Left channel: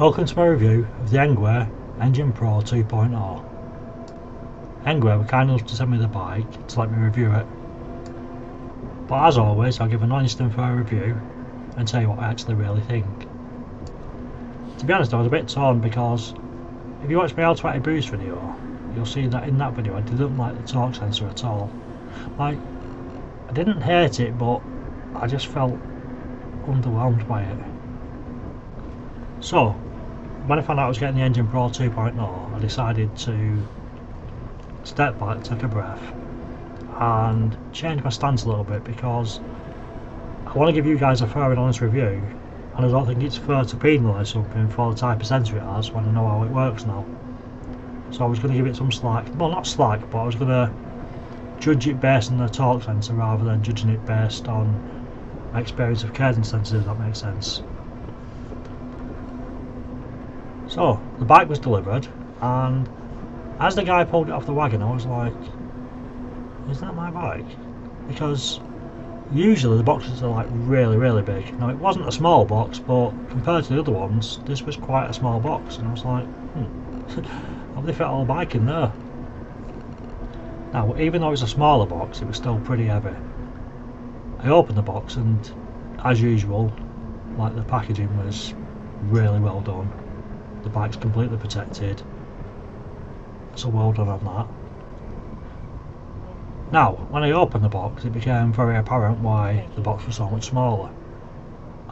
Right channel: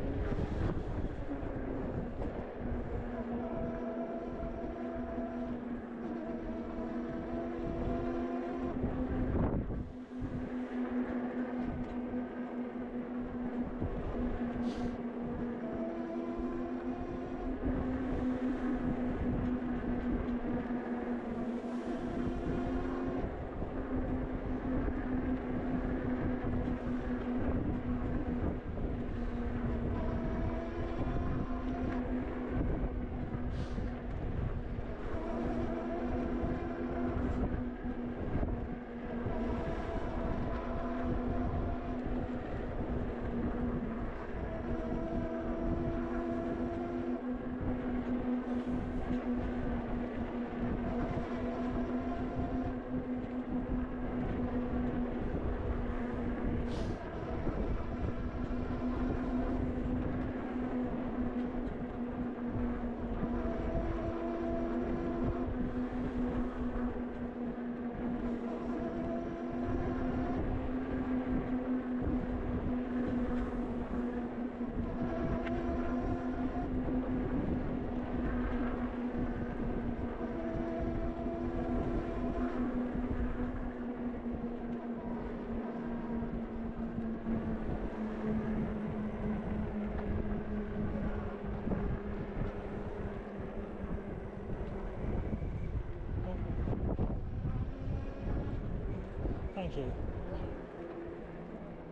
Welcome to my review of the NEWUKENGWE Engine Pro 2.0. NEWUKENGWE were kind enough to send me the bike to let me review it. But as always, I'll give an honest and fair review and tell you what I actually really think. To be honest, I was a bit torn because if you watch my L20 boost video, you'll see that in that video I didn't like the torque sensor at all. Like, I didn't hate it, but I just felt underwhelmed by it. So, when I found out I was getting the Engine Pro 2.0, I decided to step back, take a breath, and change my stance a little bit because I want to give you guys a fair and honest review, and I don't think it's fair to penalise something for the type of sensor it has when I know how it works now. So I was going to give it some slack, well not slack, but I was going to judge it based on the torque sensor rather than judging it based on my experience of cadence sensors, if that makes sense. So, the bike was delivered, and as the guy pulled it off the wagon, I was like, is that my bike? Because usually the boxes are like really big. Now, it wasn't a small box, but compared to the other ones, this was quite a small box, and I was like, have they fit all the bike in there? Now, even though it was a smaller box, it was still pretty heavy. I opened the box, and as usual, like, the packaging was really well done. The bike's completely protected, so well done on that. Now, when I opened the box, it became very apparent why the box was so much smaller,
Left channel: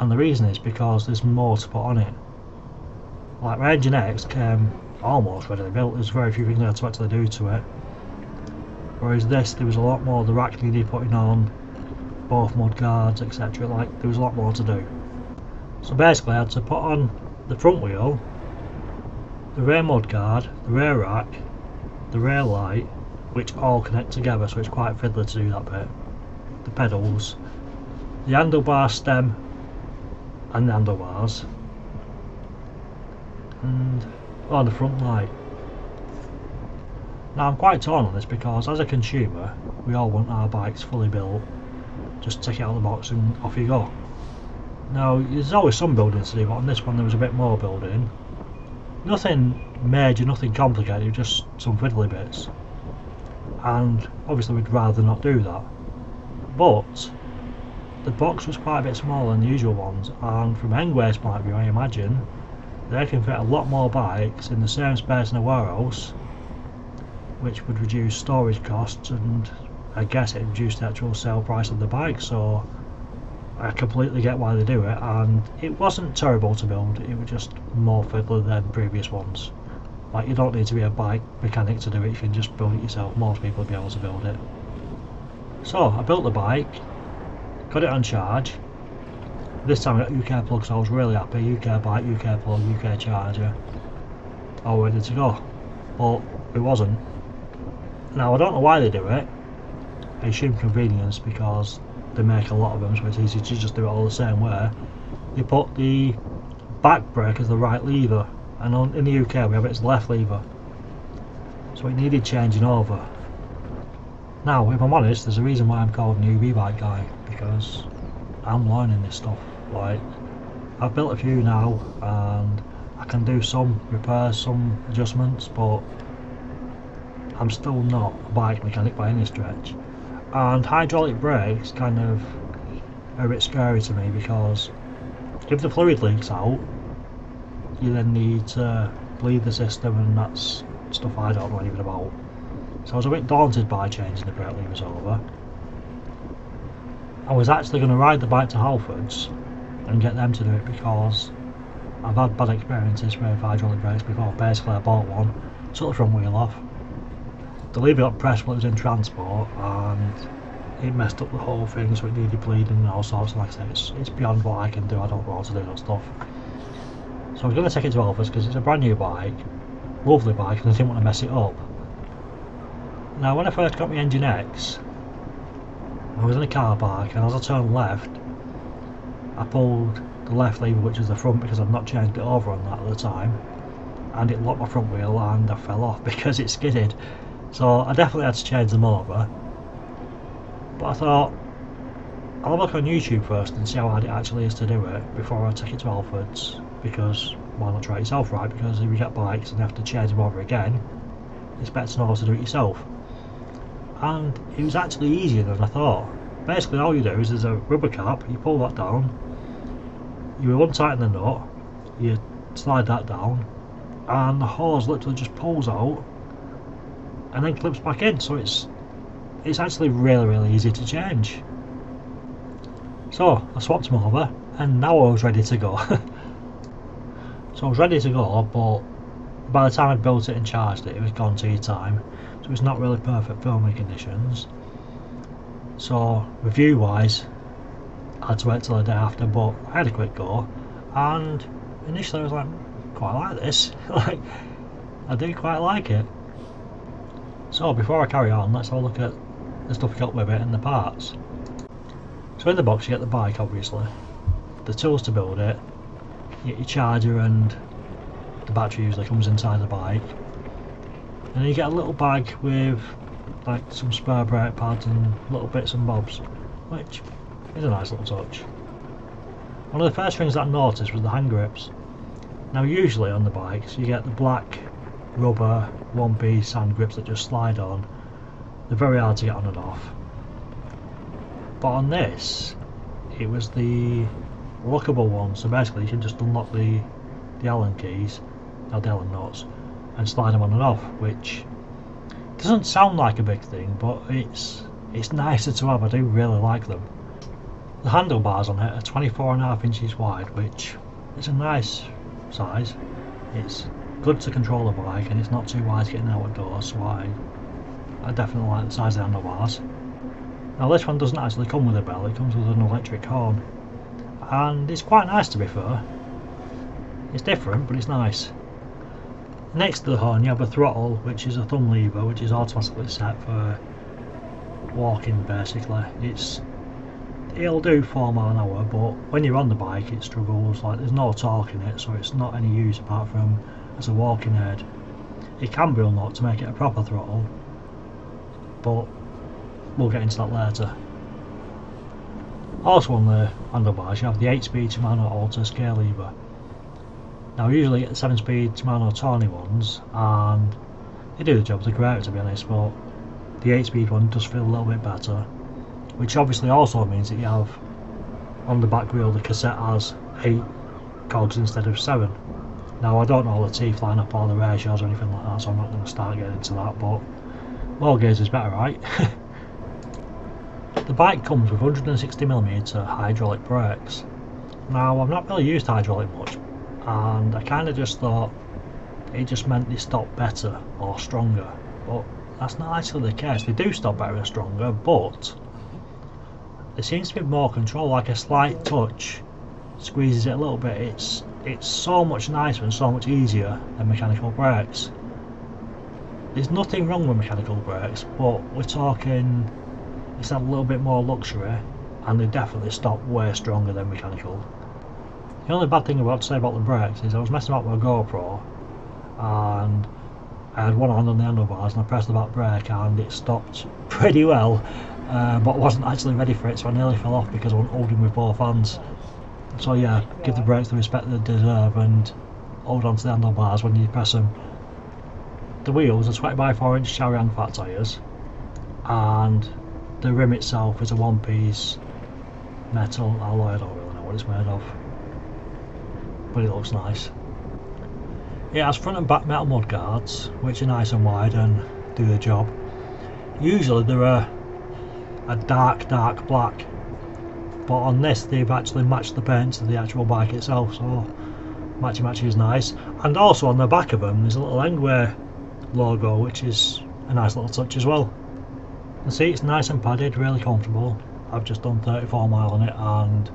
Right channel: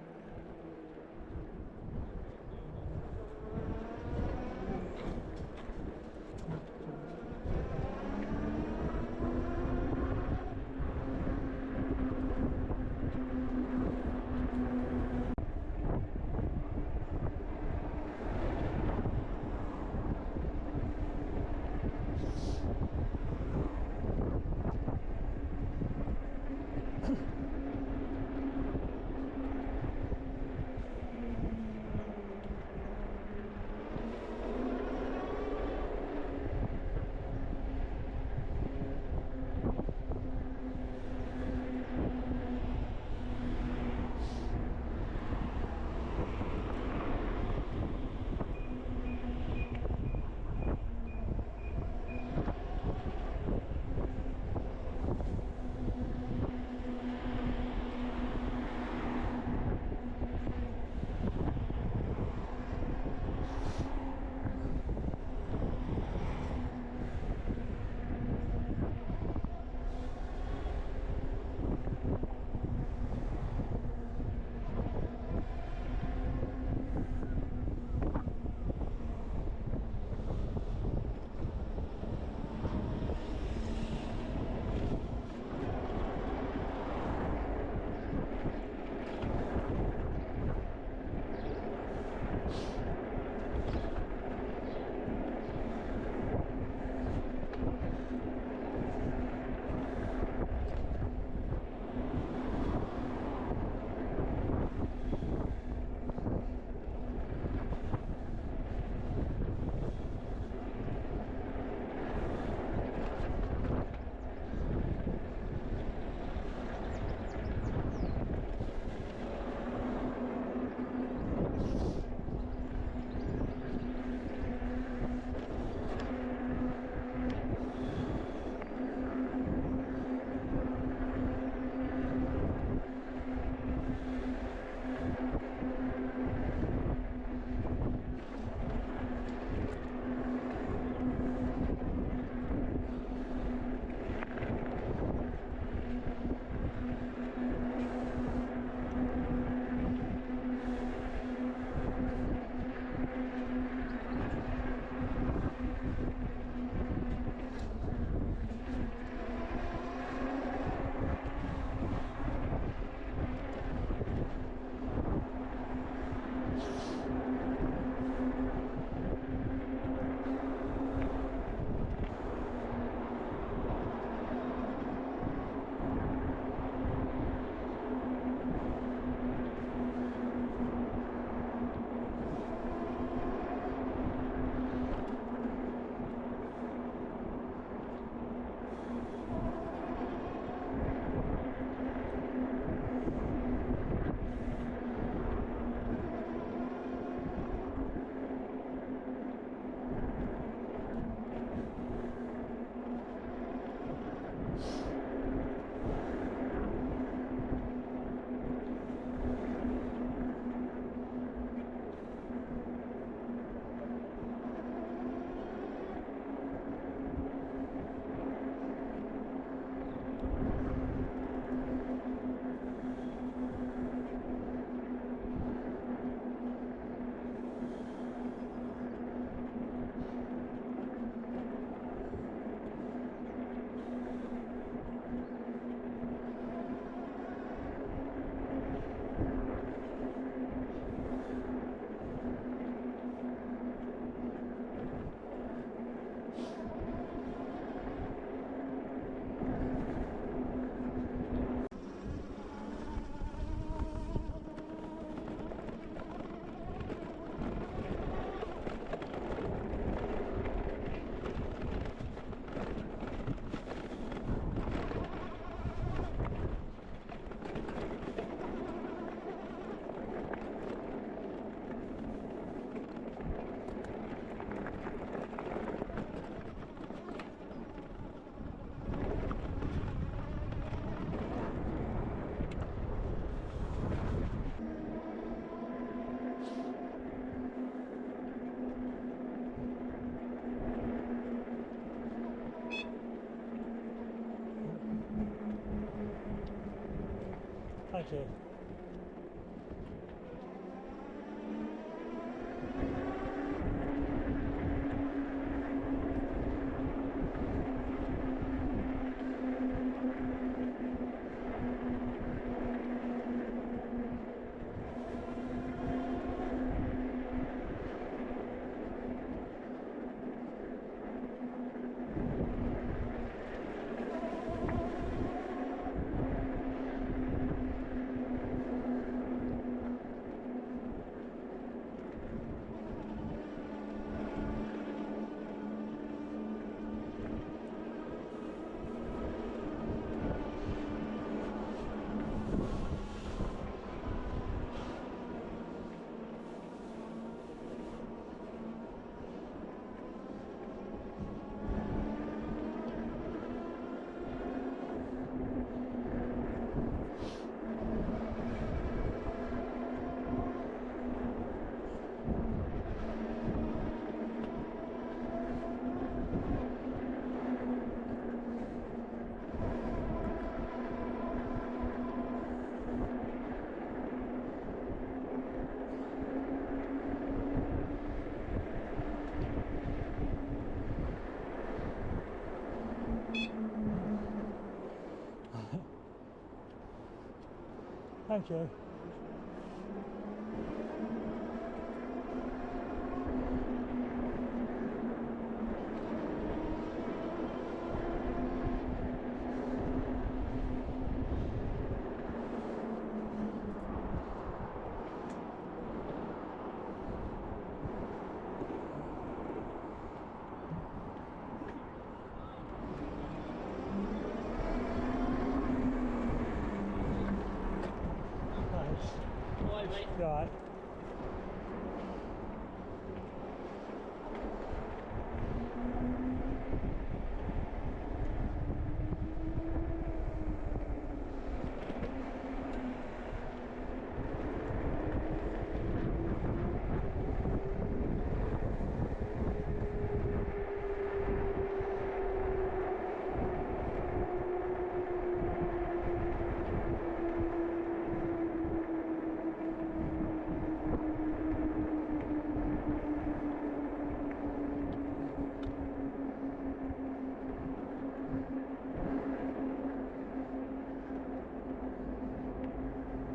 and the reason is because there's more to put on it. Like, my Engine X came almost ready built. There's very few things I had to actually do to it, whereas this, there was a lot more. The rack needed putting on, both mud guards, etc. Like, there was a lot more to do. So basically I had to put on the front wheel, the rear mudguard, the rear rack, the rear light, which all connect together, so it's quite fiddly to do that bit, the pedals, the handlebar stem and the handlebars, and the front light. Now, I'm quite torn on this because as a consumer we all want our bikes fully built, just take it out of the box and off you go. Now, there's always some building to do, but on this one there was a bit more building. Nothing major, nothing complicated, just some fiddly bits. And obviously we'd rather not do that. But the box was quite a bit smaller than the usual ones, and from NEWUKE's point of view, I imagine they can fit a lot more bikes in the same space in a warehouse, which would reduce storage costs, and I guess it reduced the actual sale price of the bike. So I completely get why they do it, and it wasn't terrible to build, it was just more fiddly than previous ones. Like, you don't need to be a bike mechanic to do it, you can just build it yourself. Most people will be able to build it. So I built the bike, got it on charge. This time I got UK plug, so I was really happy. UK bike, UK plug, UK charger, all ready to go. But it wasn't. Now, I don't know why they do it. I assume convenience, because they make a lot of them, so it's easy to just do it all the same way. You put the back brake as the right lever, and in the UK we have it as the left lever, so it needed changing over. Now, if I'm honest, there's a reason why I'm called Noob-Ebike-Guy, because I'm learning this stuff. Like, I've built a few now and I can do some repairs, some adjustments, but I'm still not a bike mechanic by any stretch. And hydraulic brakes kind of are a bit scary to me, because if the fluid leaks out, you then need to bleed the system, and that's stuff I don't know anything about. So I was a bit daunted by changing the brake levers over. I was actually going to ride the bike to Halfords and get them to do it, because I've had bad experiences with hydraulic brakes before. Basically I bought one, took the front wheel off, the lever got pressed while it was in transport, and it messed up the whole thing, so it needed bleeding and all sorts. Like I said, it's beyond what I can do. I don't know how to do that stuff. So I was going to take it to Elvis because it's a brand new bike, lovely bike, and I didn't want to mess it up. Now, when I first got my Engine X, I was in a car park, and as I turned left, I pulled the left lever, which is the front, because I've not changed it over on that at the time, and it locked my front wheel and I fell off because it skidded. So I definitely had to change them over. But I thought, I'll look on YouTube first and see how hard it actually is to do it before I take it to Halfords, because why not try it yourself, right? Because if you get bikes and you have to change them over again, it's better to know how to do it yourself. And it was actually easier than I thought. Basically all you do is there's a rubber cap, you pull that down, you untighten the nut, you slide that down, and the hose literally just pulls out and then clips back in, so it's actually really easy to change. So I swapped them over and now I was ready to go. So I was ready to go, but by the time I built it and charged it, it was gone tea time, so it's not really perfect filming conditions. So review wise I had to wait till the day after, but I had a quick go and initially I was like, quite like this. Like, I do quite like it. So before I carry on, let's have a look at the stuff we got with it and the parts. So in the box you get the bike, obviously, the tools to build it, you get your charger, and the battery usually comes inside the bike, and then you get a little bag with like some spare brake pads and little bits and bobs, which is a nice little touch. One of the first things that I noticed was the hand grips. Now usually on the bikes you get the black rubber one piece hand grips that just slide on. They're very hard to get on and off. But on this, it was the lockable one, so basically you can just unlock the Allen keys, or the Allen nuts, and slide them on and off, which doesn't sound like a big thing, but it's nicer to have. I do really like them. The handlebars on it are 24.5 inches wide, which is a nice size. It's good to control the bike and it's not too wide getting out the door, so I definitely like the size of the handlebars. Now this one doesn't actually come with a bell, it comes with an electric horn, and it's quite nice, to be fair. It's different, but it's nice. Next to the horn you have a throttle, which is a thumb lever, which is automatically set for walking basically. It'll do 4 miles an hour, but when you're on the bike it struggles, like there's no torque in it, so it's not any use apart from as a walking aid. It can be unlocked to make it a proper throttle, but we'll get into that later. Also on the handlebars you have the 8-speed Shimano Alta scale lever. Now usually you get the 7-speed Shimano Tawny ones and they do the job, they're great to be honest, but the 8-speed one does feel a little bit better, which obviously also means that you have on the back wheel the cassette has 8 cogs instead of 7. Now I don't know all the teeth line up or the ratios or anything like that, so I'm not going to start getting into that, but more gears is better, right? The bike comes with 160mm hydraulic brakes. Now I've not really used hydraulic much, and I kind of just thought it just meant they stopped better or stronger, but that's not actually the case. They do stop better and stronger, but there seems to be more control, like a slight touch squeezes it a little bit. It's so much nicer and so much easier than mechanical brakes. There's nothing wrong with mechanical brakes, but we're talking it's a little bit more luxury, and they definitely stop way stronger than mechanical. The only bad thing to say about the brakes is I was messing about with a GoPro and I had one hand on the handlebars and I pressed the back brake and it stopped pretty well, but I wasn't actually ready for it, so I nearly fell off because I wasn't holding with both hands. So yeah, give the brakes the respect they deserve and hold on to the handlebars when you press them. The wheels are 20x4 inch Charian fat tyres, and the rim itself is a one-piece metal alloy. I don't really know what it's made of, but it looks nice. It has front and back metal mud guards, which are nice and wide and do the job. Usually they're a dark black, but on this they've actually matched the paint to the actual bike itself, so matchy is nice. And also on the back of them there's a little NEWUKENGWE logo, which is a nice little touch as well. The seat's nice and padded, really comfortable. I've just done 34 miles on it and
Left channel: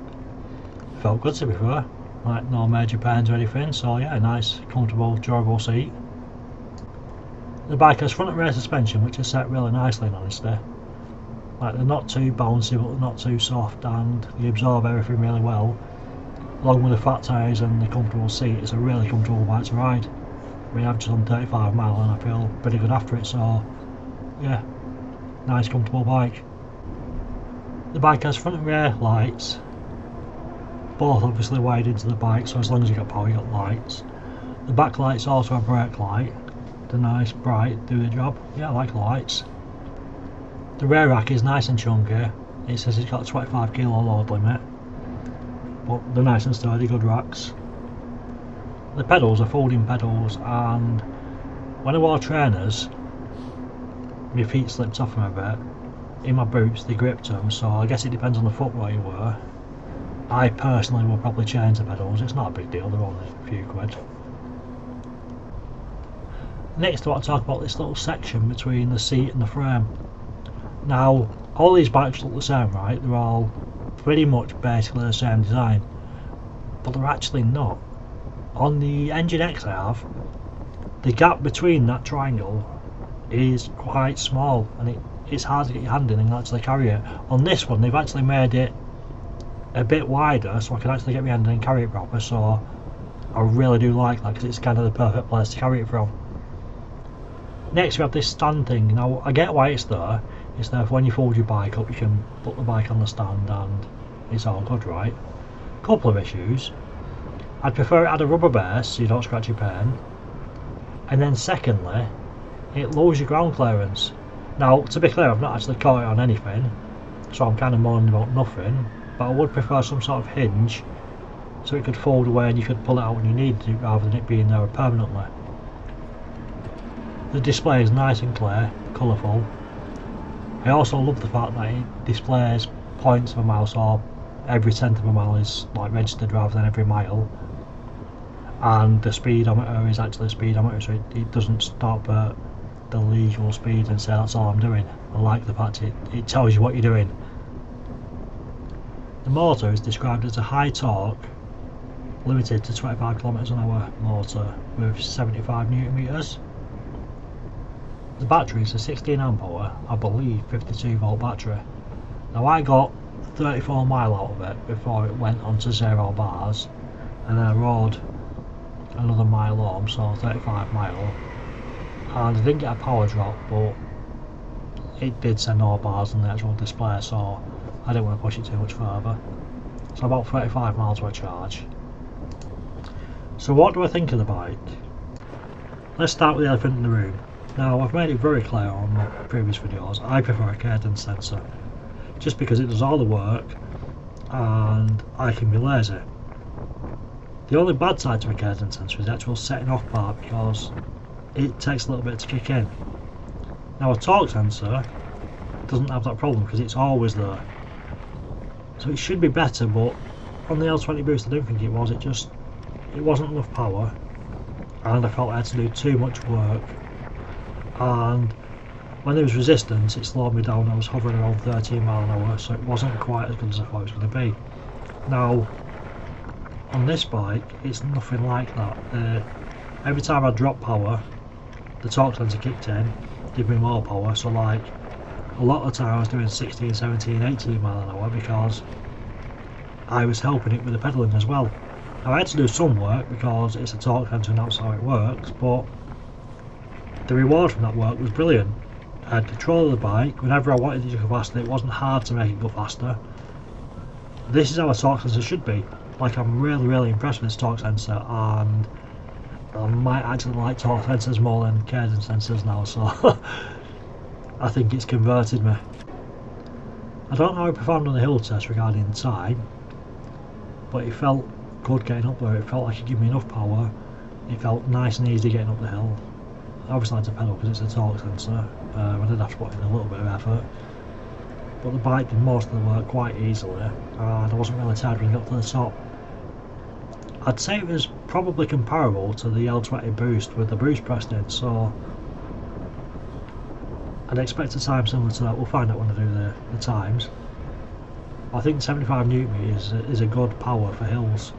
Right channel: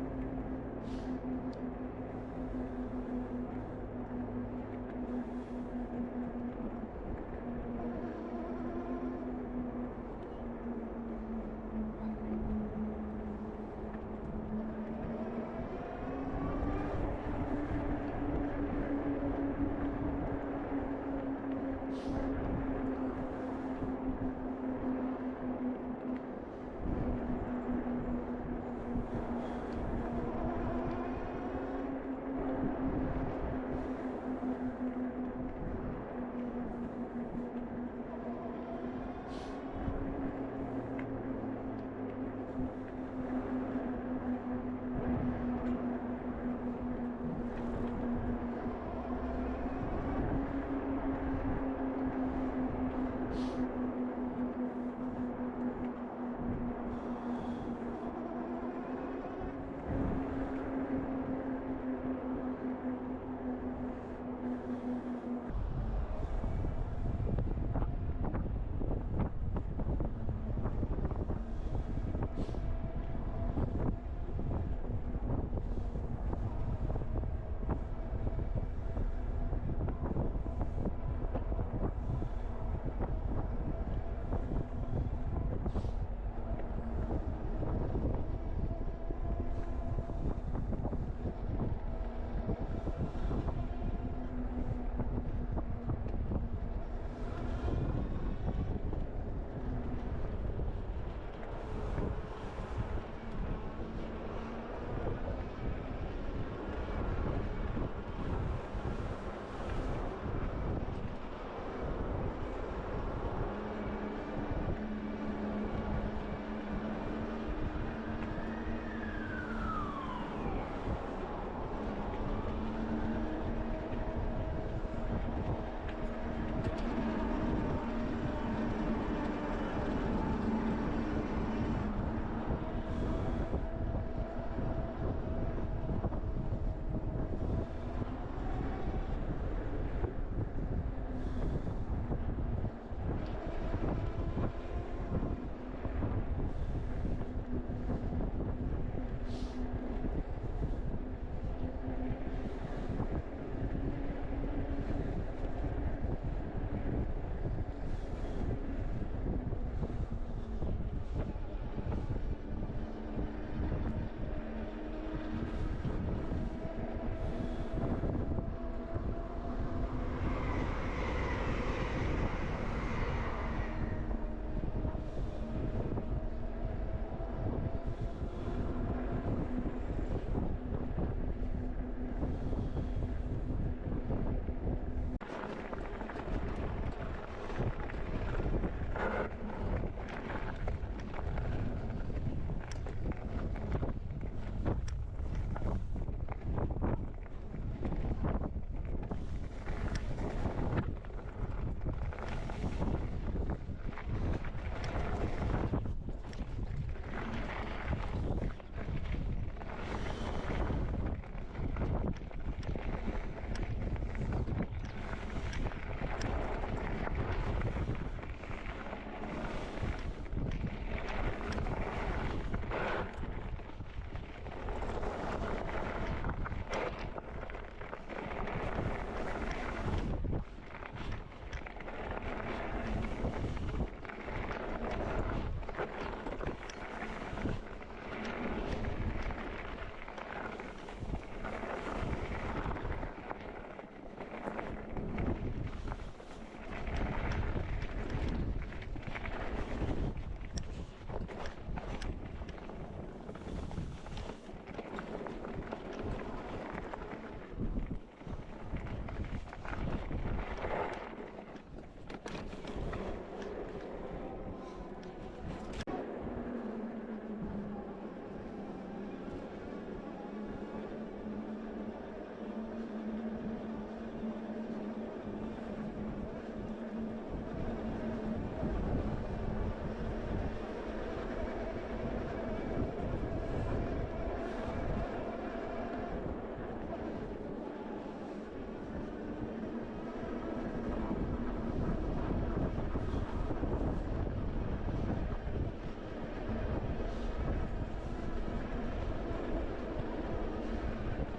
felt good, to be fair. Like no major pains or anything, so yeah, nice, comfortable, durable seat. The bike has front and rear suspension, which is set really nicely in honesty. Like they're not too bouncy but they're not too soft, and they absorb everything really well. Along with the fat tyres and the comfortable seat, it's a really comfortable bike to ride. I mean, I've just done 35 miles and I feel pretty good after it, so yeah, nice comfortable bike. The bike has front and rear lights, both obviously wired into the bike, so as long as you got power you got lights. The back light's also a brake light, they're nice, bright, do the job. Yeah, I like the lights. The rear rack is nice and chunky, it says it's got a 25 kilo load limit, but they're nice and sturdy, good racks. The pedals are folding pedals, and when I wore trainers my feet slipped off them a bit. In my boots they gripped them, so I guess it depends on the footwear you wear. I personally will probably change the pedals, it's not a big deal, they're only a few quid. Next I want to talk about this little section between the seat and the frame. Now all these bikes look the same, right? They're all pretty much basically the same design, but they're actually not. On the Engine X I have, the gap between that triangle is quite small, and it's hard to get your hand in and actually carry it. On this one they've actually made it a bit wider so I can actually get my hand in and carry it proper, so I really do like that because it's kind of the perfect place to carry it from. Next we have this stand thing. Now I get why it's there. It's there for when you fold your bike up you can put the bike on the stand and it's all good, right? Couple of issues. I'd prefer it had a rubber base so you don't scratch your pen, and then secondly it lowers your ground clearance. Now to be clear, I've not actually caught it on anything, so I'm kind of moaning about nothing, but I would prefer some sort of hinge so it could fold away and you could pull it out when you need to rather than it being there permanently. The display is nice and clear, colourful. I also love the fact that it displays points of a mile, so every tenth of a mile is like registered rather than every mile, and the speedometer is actually a speedometer, so it doesn't stop at the legal speed and say that's all I'm doing. I like the fact it tells you what you're doing. The motor is described as a high torque, limited to 25 km an hour motor with 75 Newton meters. The battery is a 16 amp hour, I believe 52 volt battery. Now I got 34 mile out of it before it went onto 0 bars, and then I rode another mile home, so 35 mile, and I didn't get a power drop, but it did say no bars on the actual display, so I didn't want to push it too much further. So about 35 miles to a charge. So what do I think of the bike? Let's start with the elephant in the room. Now I've made it very clear on previous videos, I prefer a cadence sensor, just because it does all the work and I can be lazy. The only bad side to a cadence sensor is the actual setting off part, because it takes a little bit to kick in. Now a torque sensor doesn't have that problem because it's always there, so it should be better, but on the L20 Boost I don't think it was. It wasn't enough power, and I felt I had to do too much work, and when there was resistance it slowed me down. I was hovering around 13 mile an hour, so it wasn't quite as good as I thought it was going to be. Now on this bike it's nothing like that. Every time I drop power the torque sensor kicked in, give me more power, so like a lot of the time I was doing 16, 17, 18 mile an hour because I was helping it with the pedalling as well. Now I had to do some work because it's a torque sensor and that's how it works, but the reward from that work was brilliant. I had control of the bike. Whenever I wanted it to go faster, it wasn't hard to make it go faster. This is how a torque sensor should be. Like, I'm really impressed with this torque sensor, and I might actually like torque sensors more than cadence sensors now, so I think it's converted me. I don't know how I performed on the hill test regarding time, but it felt good getting up there. It felt like it gave me enough power. It felt nice and easy getting up the hill. I obviously had to pedal because it's a torque sensor. I did have to put in a little bit of effort, but the bike did most of the work quite easily, and I wasn't really tired when I got to the top. I'd say it was probably comparable to the L20 Boost with the boost pressed in, so I'd expect a time similar to that. We'll find out when I do the times. I think 75 Newton is a good power for hills.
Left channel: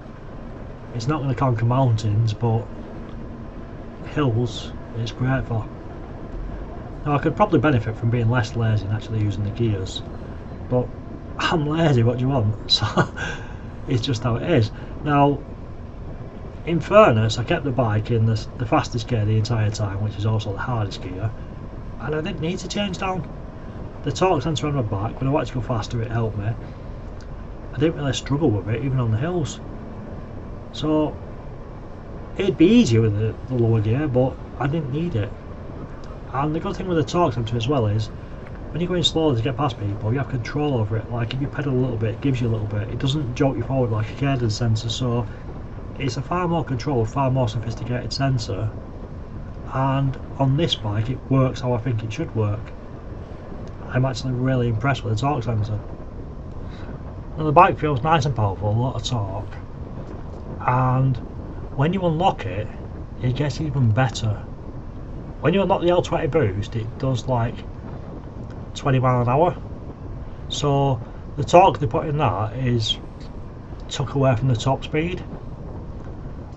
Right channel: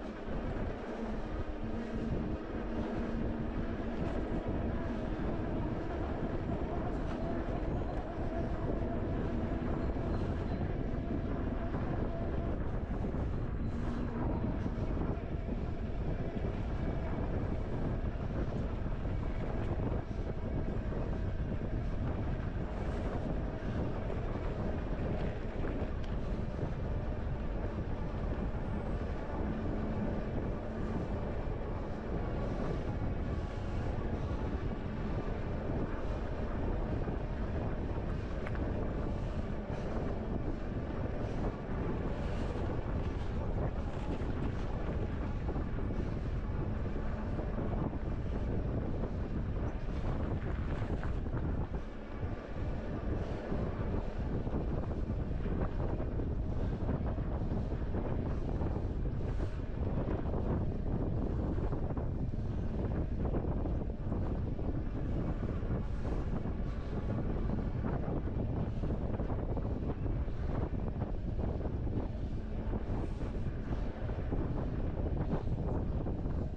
It's not going to conquer mountains, but hills it's great for. Now I could probably benefit from being less lazy and actually using the gears, but I'm lazy, what do you want? So it's just how it is. Now in fairness, I kept the bike in the fastest gear the entire time, which is also the hardest gear, and I didn't need to change down. The torque sensor on my back, when I wanted to go faster it helped me. I didn't really struggle with it even on the hills. So it'd be easier with the lower gear, but I didn't need it. And the good thing with the torque sensor as well is, when you're going slowly to get past people, you have control over it. Like if you pedal a little bit, it gives you a little bit. It doesn't jolt you forward like a cadence sensor, so it's a far more controlled, far more sophisticated sensor. And on this bike, it works how I think it should work. I'm actually really impressed with the torque sensor. Now the bike feels nice and powerful, a lot of torque. And when you unlock it, it gets even better. When you unlock the L20 boost, it does like 20 mile an hour. So the torque they put in that is took away from the top speed.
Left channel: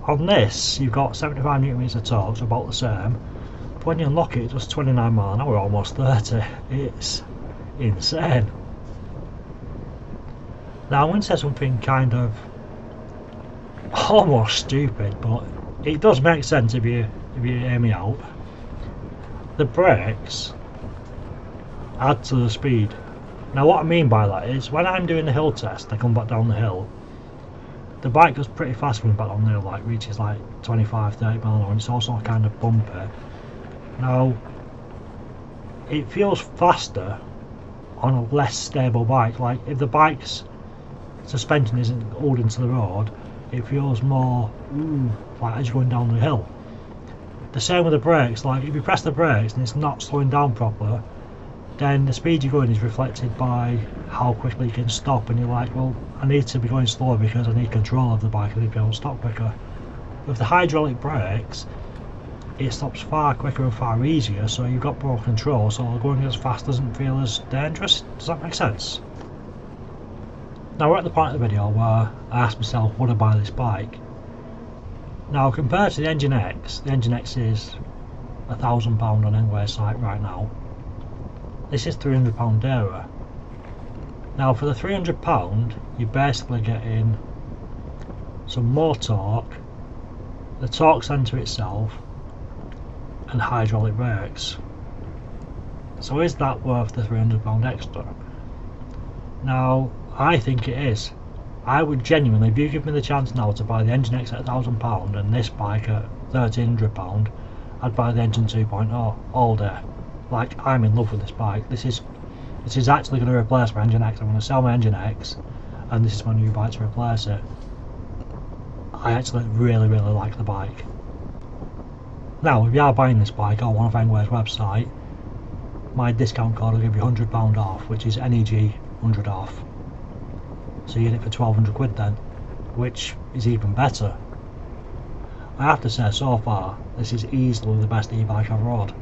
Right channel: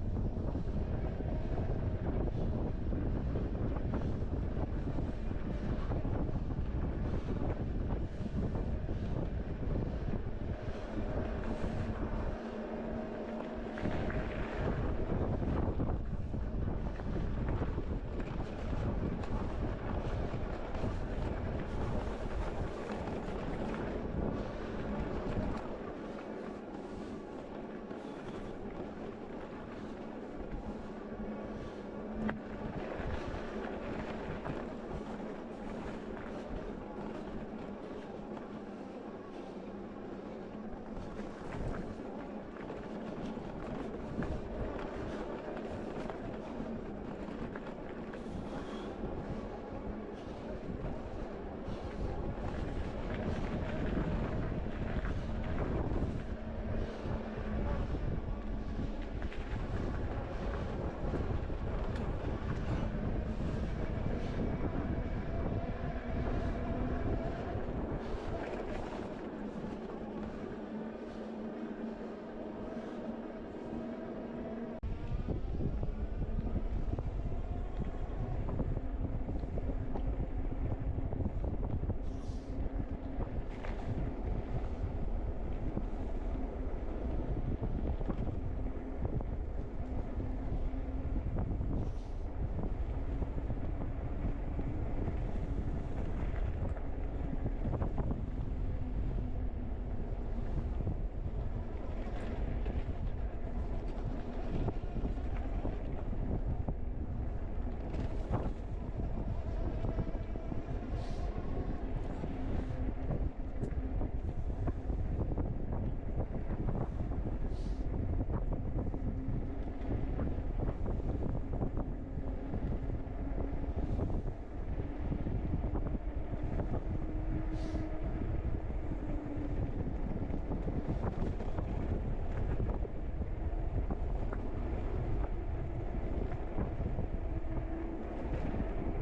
On this, you've got 75 newton meters of torque, so about the same. But when you unlock it, it does 29 mile an hour, almost 30. It's insane. Now I'm going to say something kind of almost stupid, but it does make sense if you hear me out. The brakes add to the speed. Now what I mean by that is, when I'm doing the hill test, I come back down the hill, the bike goes pretty fast when back on the hill, like reaches like 25-30 miles an hour, and it's also kind of bumpy. Now it feels faster on a less stable bike. Like if the bike's suspension isn't holding to the road, it feels more like as you're going down the hill. The same with the brakes. Like if you press the brakes and it's not slowing down properly, then the speed you're going is reflected by how quickly you can stop, and you're like, well, I need to be going slower because I need control of the bike and be able to stop quicker. With the hydraulic brakes, it stops far quicker and far easier, so you've got more control, so going as fast doesn't feel as dangerous. Does that make sense? Now we're at the point of the video where I asked myself, would I buy this bike? Now compared to the Engine X is £1,000 on NEWUKENGWE's site right now. This is £300 dearer. Now for the £300, you're basically getting some more torque, the torque sensor itself, and hydraulic brakes. So is that worth the £300 extra? Now I think it is. I would genuinely, if you give me the chance now to buy the Engine X at £1,000 and this bike at £1,300, I'd buy the Engine 2.0 all day. Like, I'm in love with this bike. This is actually going to replace my Engine X. I'm going to sell my Engine X, and this is my new bike to replace it. I actually really like the bike. Now, if you are buying this bike on one of NEWUKENGWE's website, my discount code will give you £100 off, which is NEG 100 off. So you get it for 1200 quid then, which is even better. I have to say, so far, this is easily the best e-bike I've rode.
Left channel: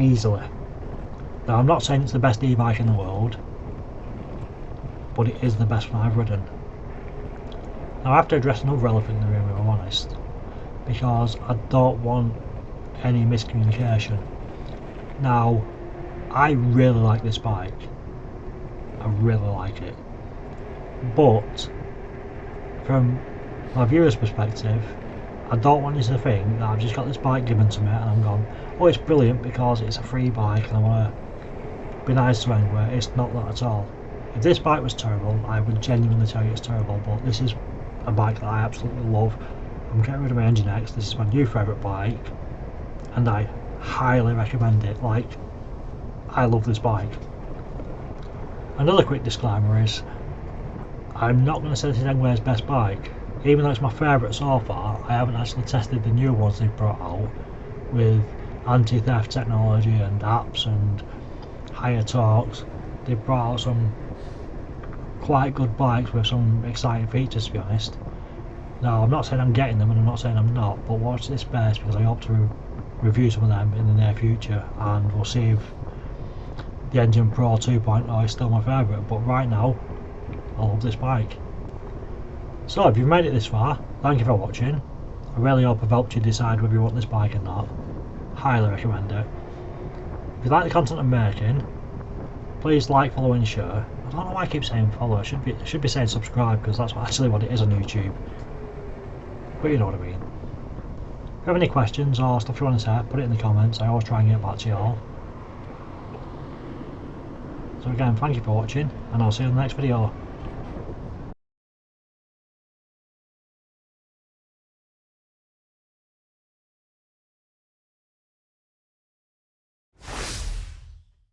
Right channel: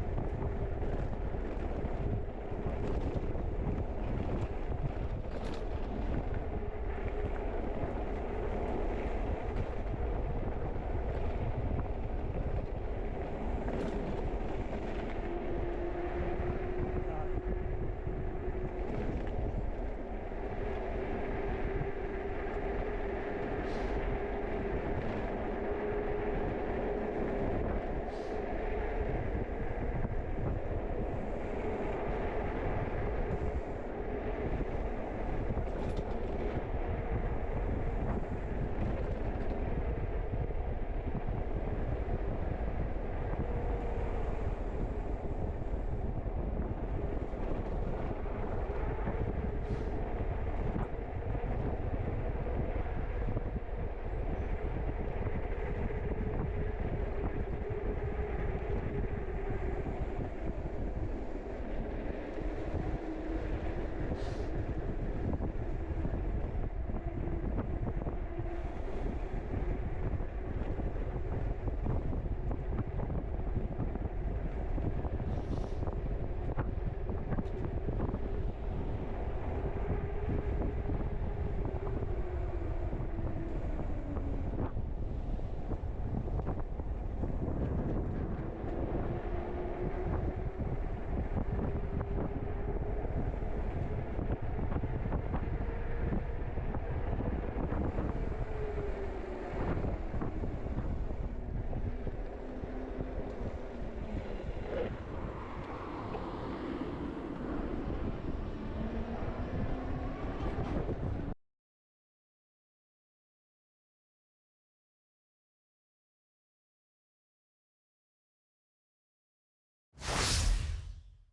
Easily. Now I'm not saying it's the best e-bike in the world, but it is the best one I've ridden. Now I have to address another elephant in the room, if I'm honest, because I don't want any miscommunication. Now, I really like this bike. I really like it. But from my viewer's perspective, I don't want you to think that I've just got this bike given to me and I'm going, oh, it's brilliant because it's a free bike and I want to be nice to anyone. It's not that at all. If this bike was terrible, I would genuinely tell you it's terrible, but this is a bike that I absolutely love. I'm getting rid of my Engine X. This is my new favourite bike and I highly recommend it. Like, I love this bike. Another quick disclaimer is, I'm not going to say this is NEWUKENGWE's best bike. Even though it's my favourite so far, I haven't actually tested the new ones they've brought out with anti-theft technology and apps and higher torques. They've brought out some quite good bikes with some exciting features, to be honest. Now, I'm not saying I'm getting them and I'm not saying I'm not, but watch this space because I hope to review some of them in the near future, and we'll see if the Engine Pro 2.0 is still my favourite, but right now, I love this bike. So if you've made it this far, thank you for watching. I really hope I've helped you decide whether you want this bike or not. Highly recommend it. If you like the content I'm making, please like, follow and share. I don't know why I keep saying follow, I should be saying subscribe because that's actually what it is on YouTube. But you know what I mean. If you have any questions or stuff you want to say, put it in the comments. I always try and get back to you all. So again, thank you for watching, and I'll see you in the next video.